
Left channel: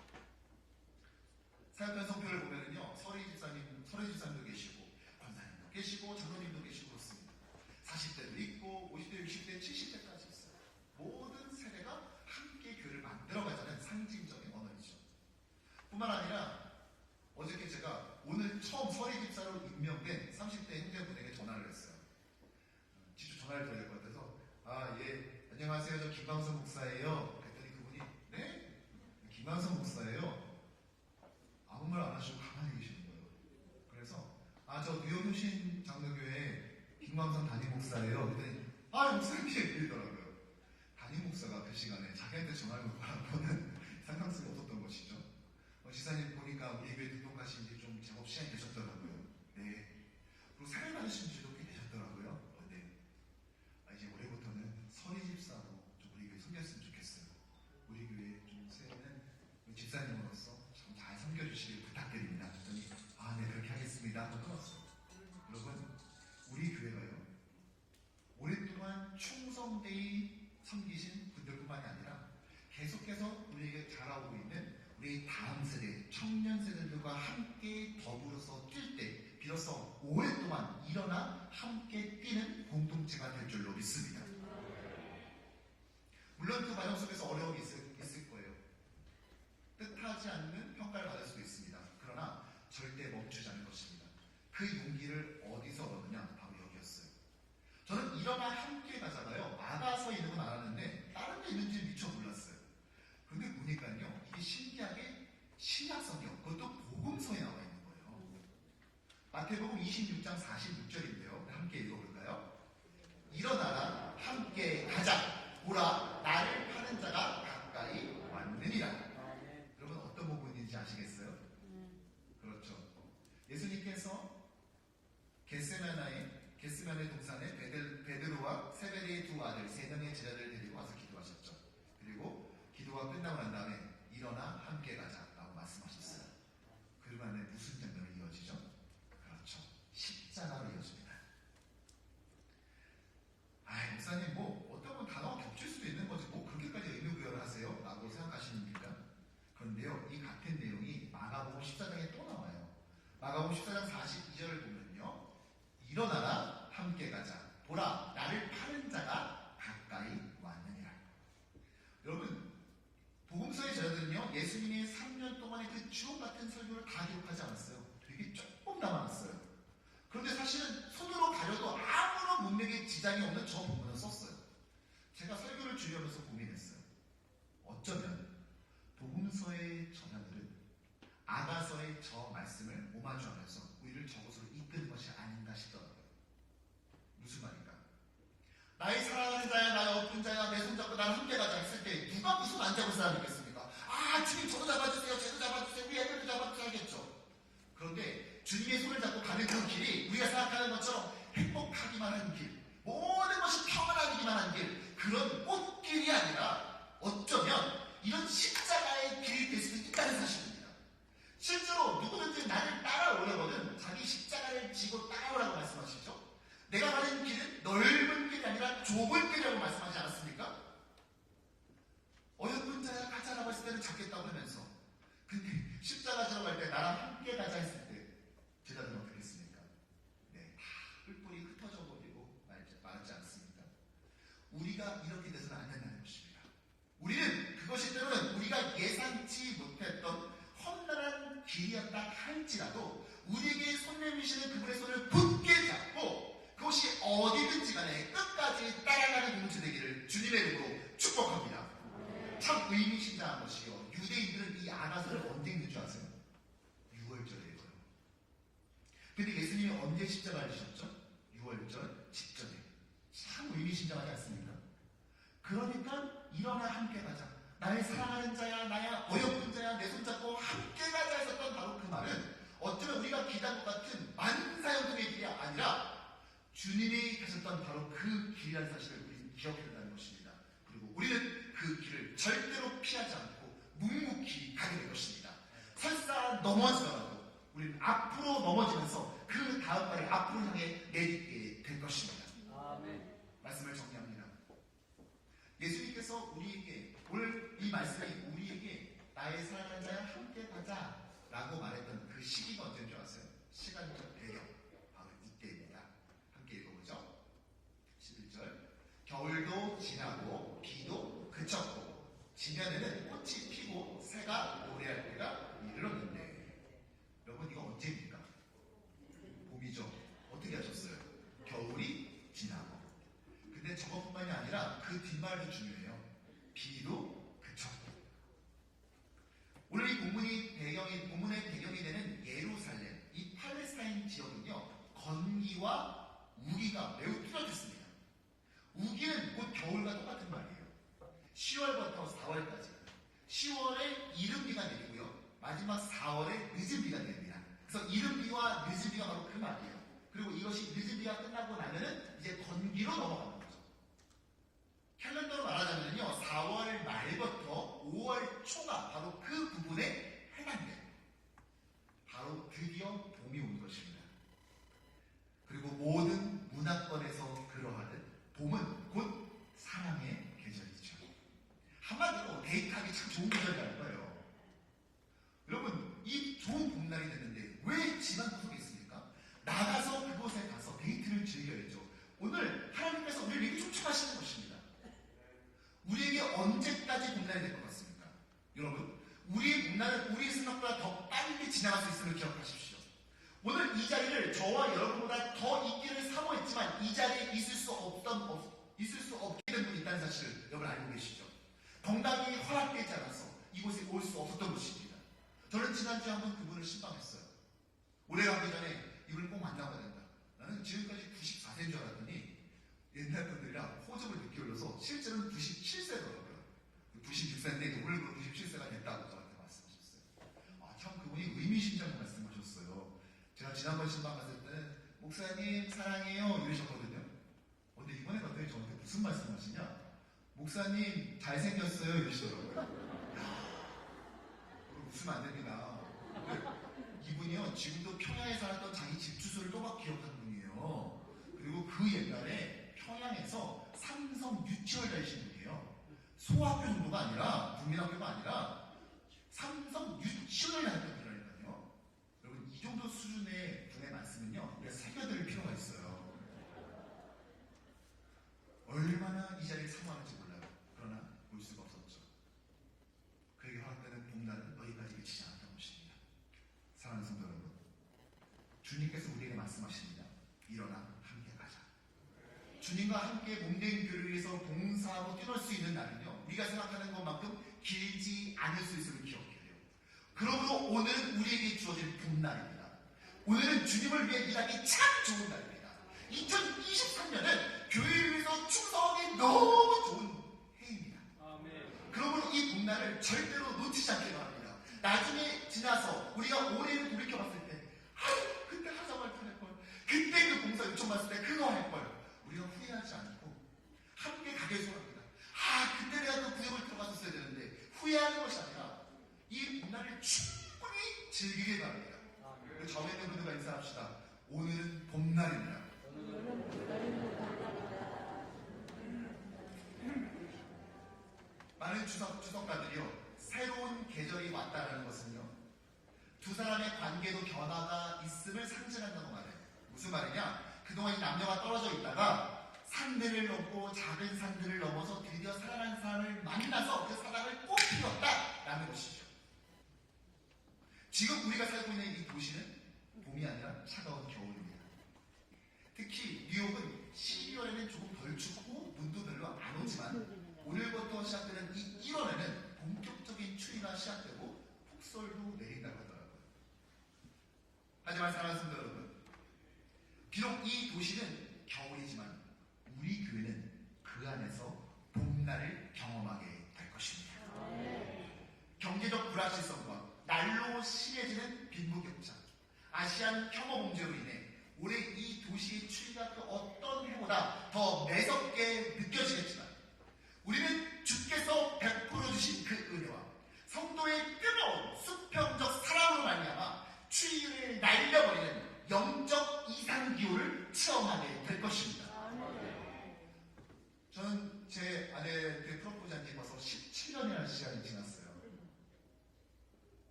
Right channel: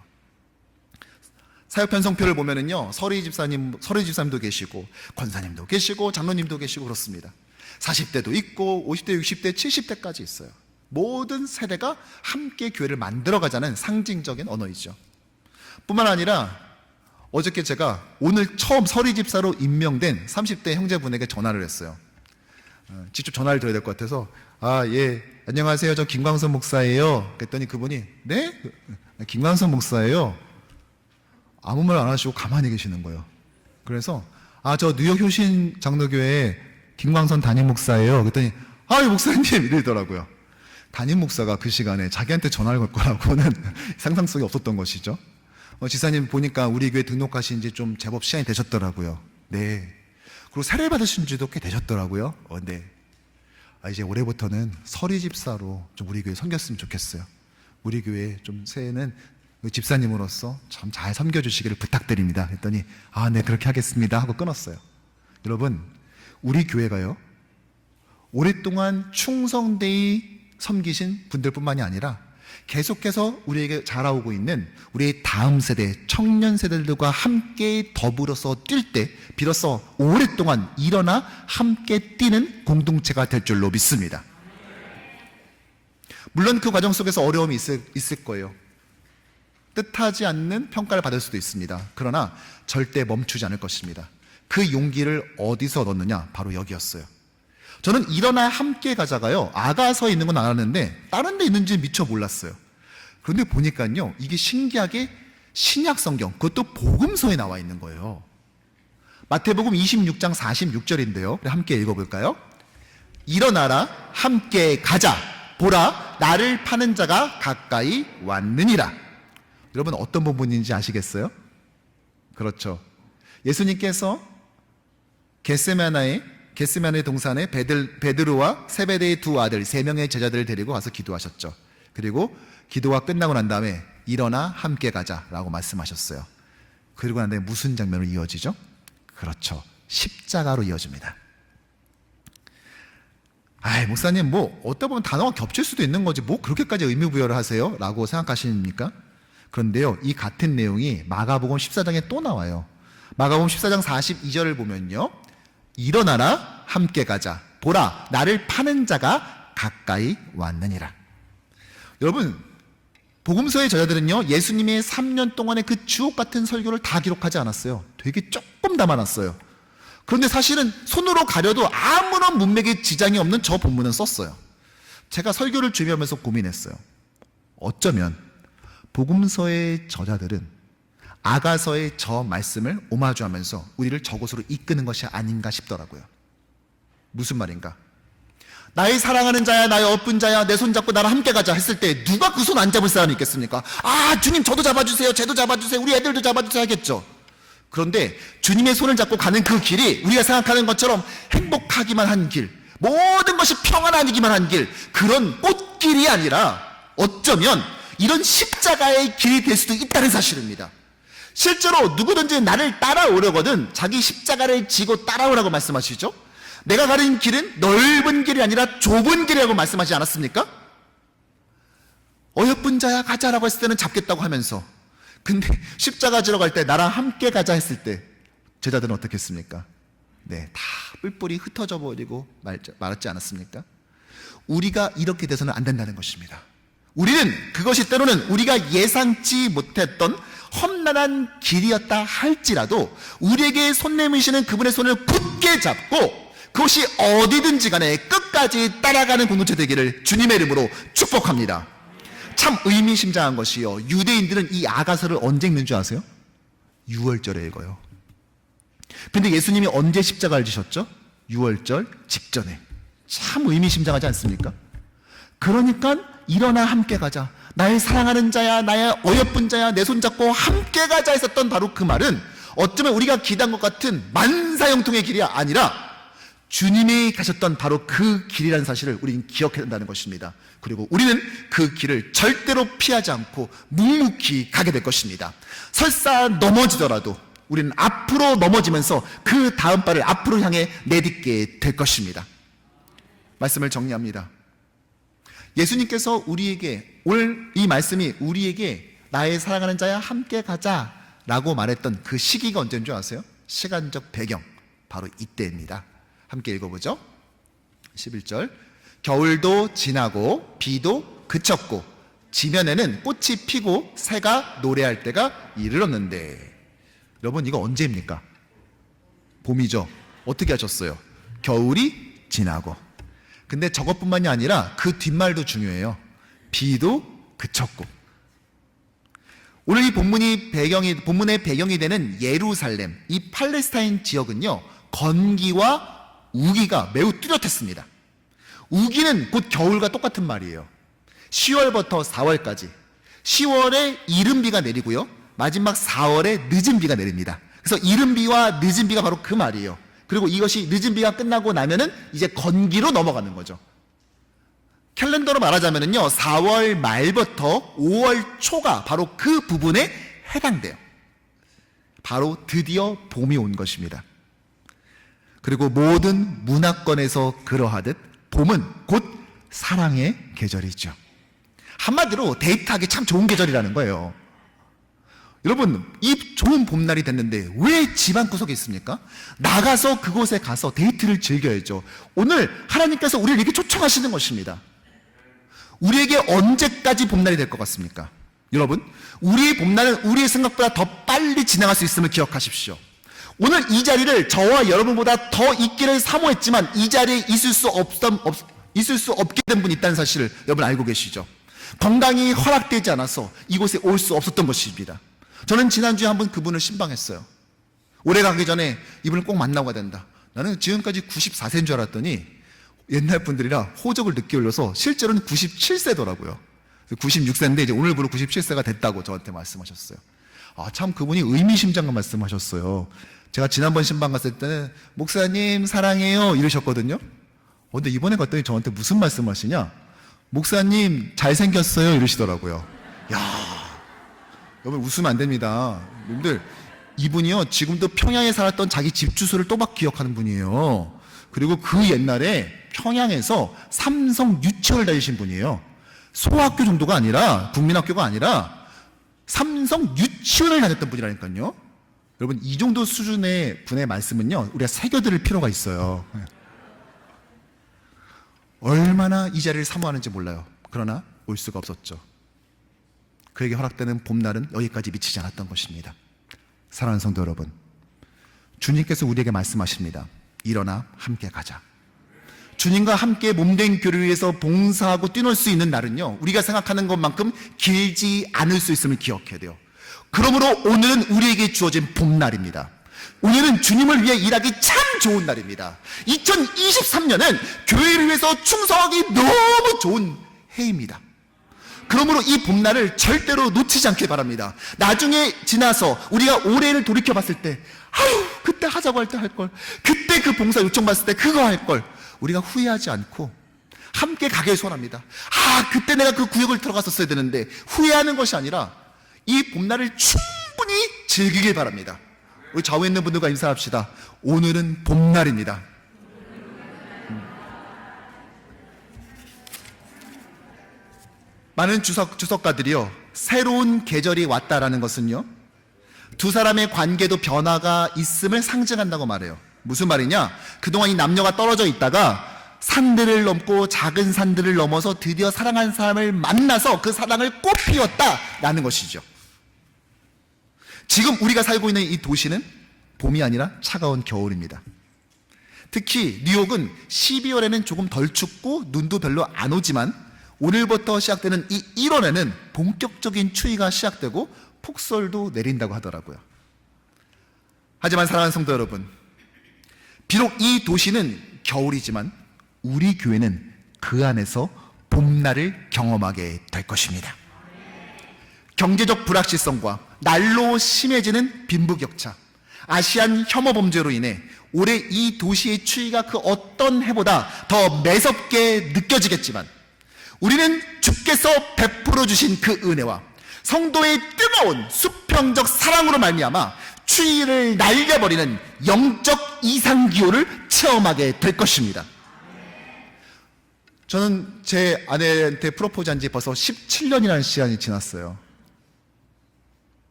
사역 편성표를 보면은요, 서리 집사님도 계시고 권사님도 계시고 장로님도 계시고 그렇습니다. 40대도 있고 50대, 60대, 70대까지 있어요. 모든 세대가 함께 교회를 만들어가자는 상징적인 언어이죠. 뿐만 아니라 어저께 제가 오늘 처음 서리 집사로 임명된 30대 형제분에게 전화를 했어요. 직접 전화를 드려야 될 것 같아서, 아, 예, 안녕하세요, 저 김광선 목사예요. 그랬더니 그분이, 네? 김광선 목사예요. 아무 말 안 하시고 가만히 계시는 거예요. 그래서, 아, 저 뉴욕 효신 장로교회 김광선 담임 목사예요. 그랬더니, 아, 목사님 이러더라고요. 담임 목사가 그 시간에 자기한테 전화를 걸 거라고는 상상 속에 없었던 것이죠. 지사님 보니까 우리 교회 등록하신 지 좀 제법 시간이 되셨더라고요. 네. 그리고 세례 받으신 지도 꽤 되셨더라고요. 네. 이제 올해부터는 서리 집사로 좀 우리 교회 섬겼으면 좋겠어요. 우리 교회 좀 새해는 집사님으로서 참 잘 섬겨주시기를 부탁드립니다. 했더니, 아, 네, 그렇게 하겠습니다 하고 끊었어요. 여러분, 우리 교회가요, 오랫동안 충성되이 섬기신 분들뿐만이 아니라 계속해서 우리에게 자라오고 있는 우리의 다음 세대, 청년 세대들과 함께 더불어서 뛸 때 비로소 오랫동안 일어나 함께 뛰는 공동체가 될 줄로 믿습니다. 물론 그 과정 속에서 어려움이 있을 거예요. 뜻하지 않는 평가를 받을 수도 있습니다. 그러나 절대 멈추지 않을 것입니다. 그 용기를 어디서 넣느냐? 바로 여기였어요. 저는 일어나 함께 가자가요, 아가서에 있는 건 알았는데 다른 데 있는지 미처 몰랐어요. 그런데 보니까요, 이게 신기하게 신약 성경, 그것도 복음서에 나와 있는 거예요. 마태복음 26장 46절인데요. 함께 읽어볼까요? 일어나라, 함께 가자. 보라, 나를 파는 자가 가까이 왔느니라. 여러분, 어떤 본문인지 아시겠어요? 그렇죠. 예수님께서 겟세마네 동산에 베드로와 세베대의 두 아들 3명의 제자들을 데리고 가서 기도하셨죠. 그리고 기도가 끝나고 난 다음에 일어나 함께 가자라고 말씀하셨어요. 그리고 난 다음에 무슨 장면으로 이어지죠? 그렇죠. 십자가로 이어집니다. 아이, 목사님, 뭐 어디다 보면 단어가 겹칠 수도 있는 거지 뭐 그렇게까지 의미부여를 하세요? 라고 생각하십니까? 그런데요, 이 같은 내용이 마가복음 14장에 또 나와요. 마가복음 14장 42절을 보면요, 일어나라, 함께 가자. 보라, 나를 파는 자가 가까이 왔느니라. 여러분, 복음서의 저자들은요, 예수님의 3년 동안의 그 주옥 같은 설교를 다 기록하지 않았어요. 되게 조금 담아놨어요. 그런데 사실은 손으로 가려도 아무런 문맥에 지장이 없는 저 본문은 썼어요. 제가 설교를 준비하면서 고민했어요. 어쩌면 복음서의 저자들은 아가서의 저 말씀을 오마주하면서 우리를 저곳으로 이끄는 것이 아닌가 싶더라고요. 무슨 말인가? 나의 사랑하는 자야, 나의 어쁜 자야, 내 손 잡고 나랑 함께 가자 했을 때 누가 그 손 안 잡을 사람이 있겠습니까? 아, 주님 저도 잡아주세요, 쟤도 잡아주세요, 우리 애들도 잡아주세요 하겠죠. 그런데 주님의 손을 잡고 가는 그 길이 우리가 생각하는 것처럼 행복하기만 한 길, 모든 것이 평안하기만 한 길, 그런 꽃길이 아니라 어쩌면 이런 십자가의 길이 될 수도 있다는 사실입니다. 실제로 누구든지 나를 따라오려거든 자기 십자가를 지고 따라오라고 말씀하시죠. 내가 가는 길은 넓은 길이 아니라 좁은 길이라고 말씀하지 않았습니까? 어여쁜 자야 가자라고 했을 때는 잡겠다고 하면서, 근데 십자가 지러 갈 때 나랑 함께 가자 했을 때 제자들은 어떻게 했습니까? 네, 다 뿔뿔이 흩어져 버리고 말았지 않았습니까? 우리가 이렇게 돼서는 안 된다는 것입니다. 우리는 그것이 때로는 우리가 예상치 못했던 험난한 길이었다 할지라도 우리에게 손 내미시는 그분의 손을 굳게 잡고 그것이 어디든지 간에 끝까지 따라가는 공동체 되기를 주님의 이름으로 축복합니다. 참 의미심장한 것이요, 유대인들은 이 아가서를 언제 읽는 줄 아세요? 6월절에 읽어요. 근데 예수님이 언제 십자가를 지셨죠? 6월절 직전에. 참 의미심장하지 않습니까? 그러니까 일어나 함께 가자, 나의 사랑하는 자야, 나의 어여쁜 자야, 내 손 잡고 함께 가자 했었던 바로 그 말은 어쩌면 우리가 기대한 것 같은 만사형통의 길이 아니라 주님이 가셨던 바로 그 길이라는 사실을 우리는 기억해야 한다는 것입니다. 그리고 우리는 그 길을 절대로 피하지 않고 묵묵히 가게 될 것입니다. 설사 넘어지더라도 우리는 앞으로 넘어지면서 그 다음 발을 앞으로 향해 내딛게 될 것입니다. 말씀을 정리합니다. 예수님께서 우리에게, 오늘 이 말씀이 우리에게 나의 사랑하는 자야 함께 가자 라고 말했던 그 시기가 언제인 줄 아세요? 시간적 배경, 바로 이때입니다. 함께 읽어보죠. 11절, 겨울도 지나고 비도 그쳤고 지면에는 꽃이 피고 새가 노래할 때가 이르렀는데. 여러분, 이거 언제입니까? 봄이죠. 어떻게 하셨어요? 겨울이 지나고. 근데 저것뿐만이 아니라 그 뒷말도 중요해요. 비도 그쳤고. 오늘 이 본문의 배경이 되는 예루살렘, 이 팔레스타인 지역은요, 건기와 우기가 매우 뚜렷했습니다. 우기는 곧 겨울과 똑같은 말이에요. 10월부터 4월까지 10월에 이른 비가 내리고요, 마지막 4월에 늦은 비가 내립니다. 그래서 이른 비와 늦은 비가 바로 그 말이에요. 그리고 이것이 늦은 비가 끝나고 나면은 이제 건기로 넘어가는 거죠. 캘린더로 말하자면은요, 4월 말부터 5월 초가 바로 그 부분에 해당돼요. 바로 드디어 봄이 온 것입니다. 그리고 모든 문화권에서 그러하듯 봄은 곧 사랑의 계절이죠. 한마디로 데이트하기 참 좋은 계절이라는 거예요. 여러분, 이 좋은 봄날이 됐는데 왜 집 안 구석에 있습니까? 나가서 그곳에 가서 데이트를 즐겨야죠. 오늘 하나님께서 우리를 이렇게 초청하시는 것입니다. 우리에게 언제까지 봄날이 될 것 같습니까? 여러분, 우리의 봄날은 우리의 생각보다 더 빨리 지나갈 수 있음을 기억하십시오. 오늘 이 자리를 저와 여러분보다 더 있기를 사모했지만 이 자리에 있을 수 없게 된 분이 있다는 사실을 여러분 알고 계시죠? 건강이 허락되지 않아서 이곳에 올 수 없었던 것입니다. 저는 지난주에 한번 그분을 신방했어요. 올해 가기 전에 이분을 꼭 만나고 가야 된다. 나는 지금까지 94세인 줄 알았더니 옛날 분들이라 호적을 늦게 올려서 실제로는 97세더라고요. 96세인데 이제 오늘부로 97세가 됐다고 저한테 말씀하셨어요. 아, 참 그분이 의미심장한 말씀하셨어요. 제가 지난번 신방 갔을 때는 목사님 사랑해요 이러셨거든요. 근데 이번에 갔더니 저한테 무슨 말씀하시냐? 목사님 잘생겼어요 이러시더라고요. 야, 여러분 웃으면 안 됩니다. 여러분들 이분이요 지금도 평양에 살았던 자기 집 주소를 또박 기억하는 분이에요. 그리고 그 옛날에 평양에서 삼성 유치원을 다니신 분이에요. 소학교 정도가 아니라 국민학교가 아니라 삼성 유치원을 다녔던 분이라니까요. 여러분 이 정도 수준의 분의 말씀은요 우리가 새겨들을 필요가 있어요. 얼마나 이 자리를 사모하는지 몰라요. 그러나 올 수가 없었죠. 그에게 허락되는 봄날은 여기까지 미치지 않았던 것입니다. 사랑하는 성도 여러분, 주님께서 우리에게 말씀하십니다. 일어나 함께 가자. 주님과 함께 몸된 교회를 위해서 봉사하고 뛰놀 수 있는 날은요 우리가 생각하는 것만큼 길지 않을 수 있음을 기억해야 돼요. 그러므로 오늘은 우리에게 주어진 봄날입니다. 오늘은 주님을 위해 일하기 참 좋은 날입니다. 2023년은 교회를 위해서 충성하기 너무 좋은 해입니다. 그러므로 이 봄날을 절대로 놓치지 않길 바랍니다. 나중에 지나서 우리가 올해를 돌이켜 봤을 때 아유 그때 하자고 할 때 할 걸, 그때 그 봉사 요청받았을 때 그거 할 걸, 우리가 후회하지 않고 함께 가길 소원합니다. 아 그때 내가 그 구역을 들어갔었어야 되는데 후회하는 것이 아니라 이 봄날을 충분히 즐기길 바랍니다. 우리 좌우에 있는 분들과 인사합시다. 오늘은 봄날입니다. 많은 주석가들이요 새로운 계절이 왔다라는 것은요 두 사람의 관계도 변화가 있음을 상징한다고 말해요. 무슨 말이냐? 그동안 이 남녀가 떨어져 있다가 산들을 넘고 작은 산들을 넘어서 드디어 사랑하는 사람을 만나서 그 사랑을 꽃피웠다라는 것이죠. 지금 우리가 살고 있는 이 도시는 봄이 아니라 차가운 겨울입니다. 특히 뉴욕은 12월에는 조금 덜 춥고 눈도 별로 안 오지만 오늘부터 시작되는 이 1월에는 본격적인 추위가 시작되고 폭설도 내린다고 하더라고요. 하지만 사랑하는 성도 여러분, 비록 이 도시는 겨울이지만 우리 교회는 그 안에서 봄날을 경험하게 될 것입니다. 경제적 불확실성과 날로 심해지는 빈부격차, 아시안 혐오 범죄로 인해 올해 이 도시의 추위가 그 어떤 해보다 더 매섭게 느껴지겠지만 우리는 주께서 베풀어 주신 그 은혜와 성도의 뜨거운 수평적 사랑으로 말미암아 추위를 날려버리는 영적 이상기후를 체험하게 될 것입니다. 저는 제 아내한테 프로포즈한 지 벌써 17년이라는 시간이 지났어요.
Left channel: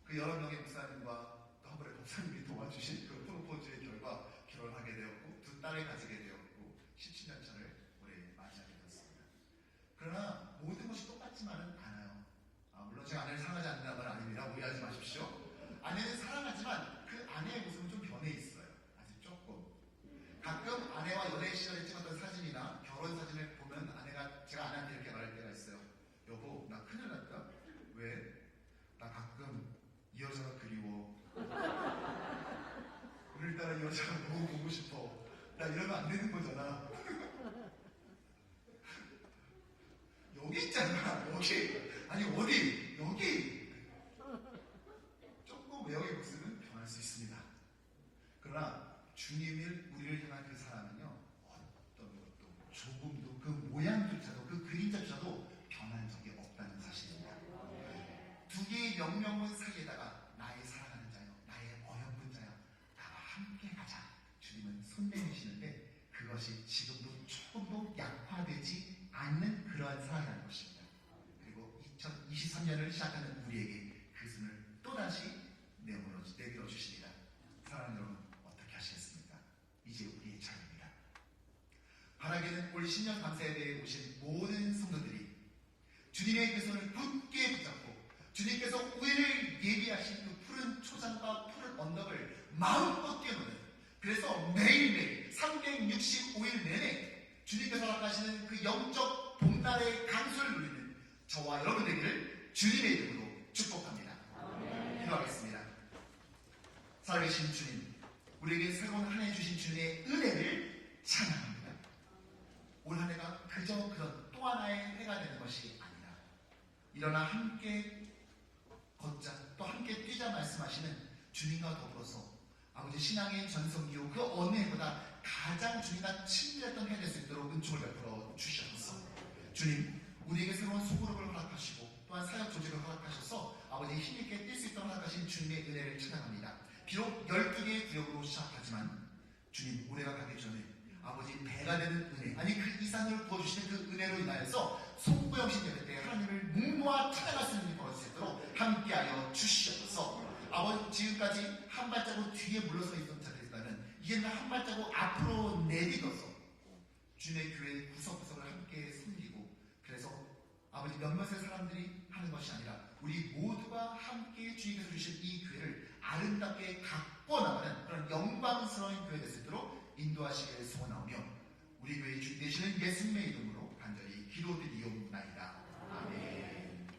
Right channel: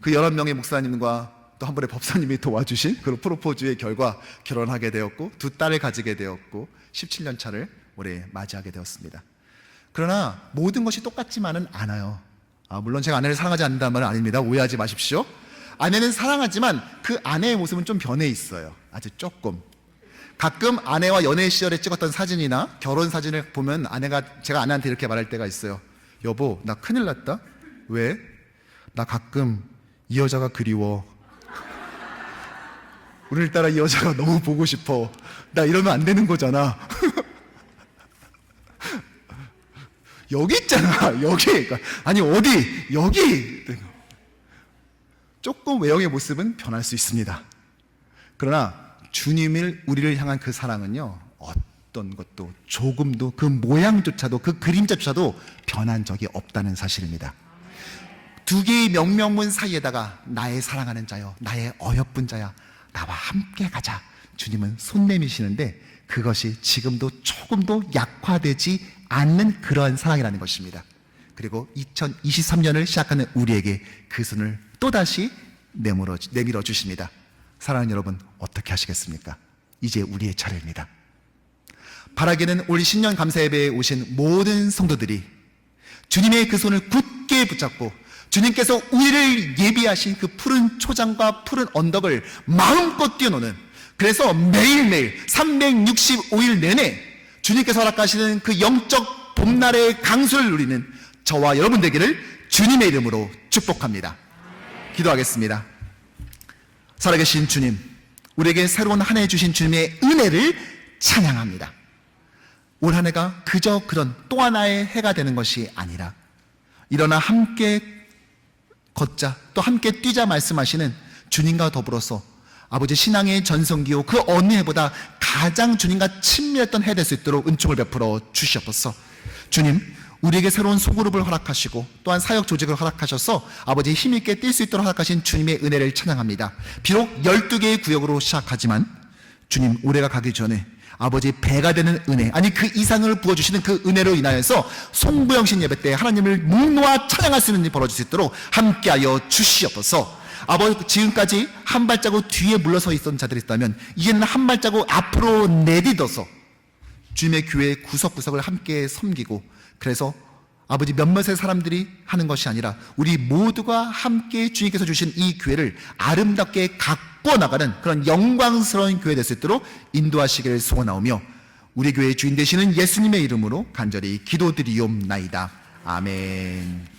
그 11명의 목사님과 또 한 분의 법사님이 도와주신 그 프로포즈의 결과 결혼하게 되었고 두 딸을 가지게 되었고 17년 차를 올해 맞이하게 되었습니다. 그러나 모든 것이 똑같지만은 않아요. 물론 제가 아내를 사랑하지 않는다는 말은 아닙니다. 오해하지 마십시오. 아내는 사랑하지만 그 아내의 모습은 좀 변해 있어요. 아주 조금. 가끔 아내와 연애 시절에 찍었던 사진이나 결혼 사진을 보면 제가 아내한테 이렇게 말할 때가 있어요. 여보, 나 큰일 났다. 왜? 나 가끔 이 여자가 그리워. 오늘따라 이 여자가 너무 보고 싶어. 나 이러면 안 되는 거잖아. 여기 있잖아. 여기. 아니 어디? 여기. 조금 외형의 모습은 변할 수 있습니다. 그러나 주님을 우리를 향한 그 사랑은요 어떤 것도 조금도 그 모양조차도 그 그림자조차도 변한 적이 없다는 사실입니다. 두 개의 명명문 사이에다가 나의 사랑하는 자여, 나의 어여쁜 자야, 나와 함께 가자. 주님은 손 내미시는데 그것이 지금도 조금도 약화되지 않는 그러한 사랑이라는 것입니다. 그리고 2023년을 시작하는 우리에게 그 손을 또다시 내밀어 주십니다. 사랑하는 여러분, 어떻게 하시겠습니까? 이제 우리의 차례입니다. 바라기는 올 신년 감사예배에 오신 모든 성도들이 주님의 그 손을 굳게 붙잡고 주님께서 우리를 예비하신 그 푸른 초장과 푸른 언덕을 마음껏 뛰어노는, 그래서 매일매일 365일 내내 주님께서 허락하시는 그 영적 봄날의 강수를 누리는 저와 여러분 되기를 주님의 이름으로 축복합니다. 기도하겠습니다. 살아계신 주님, 우리에게 새로운 한 해 주신 주님의 은혜를 찬양합니다. 올 한 해가 그저 그런 또 하나의 해가 되는 것이 아니라 일어나 함께 걷자, 또 함께 뛰자 말씀하시는 주님과 더불어서 아버지 신앙의 전성기요 그 어느 해보다 가장 주님과 친밀했던 해 될 수 있도록 은총을 베풀어 주시옵소서. 주님, 우리에게 새로운 소그룹을 허락하시고 또한 사역 조직을 허락하셔서 아버지 힘있게 뛸 수 있도록 허락하신 주님의 은혜를 찬양합니다. 비록 12개의 구역으로 시작하지만 주님, 올해가 가기 전에 아버지 배가 되는 은혜, 아니 그 이상을 부어주시는 그 은혜로 인하여서 송부영신 예배 때 하나님을 묵노와 찬양할 수 있는 일이 벌어질 수 있도록 함께하여 주시옵소서. 아버지, 지금까지 한 발자국 뒤에 물러서 있던 자들이 있다면 이제는 한 발자국 앞으로 내딛어서 주님의 교회 구석구석을 함께 섬기고, 그래서 아버지 몇몇의 사람들이 하는 것이 아니라 우리 모두가 함께 주님께서 주신 이 교회를 아름답게 가꿔 나가는 그런 영광스러운 교회 될 수 있도록 인도하시기를 소원하오며 우리 교회의 주인 되시는 예수님의 이름으로 간절히 기도드리옵나이다. 아멘.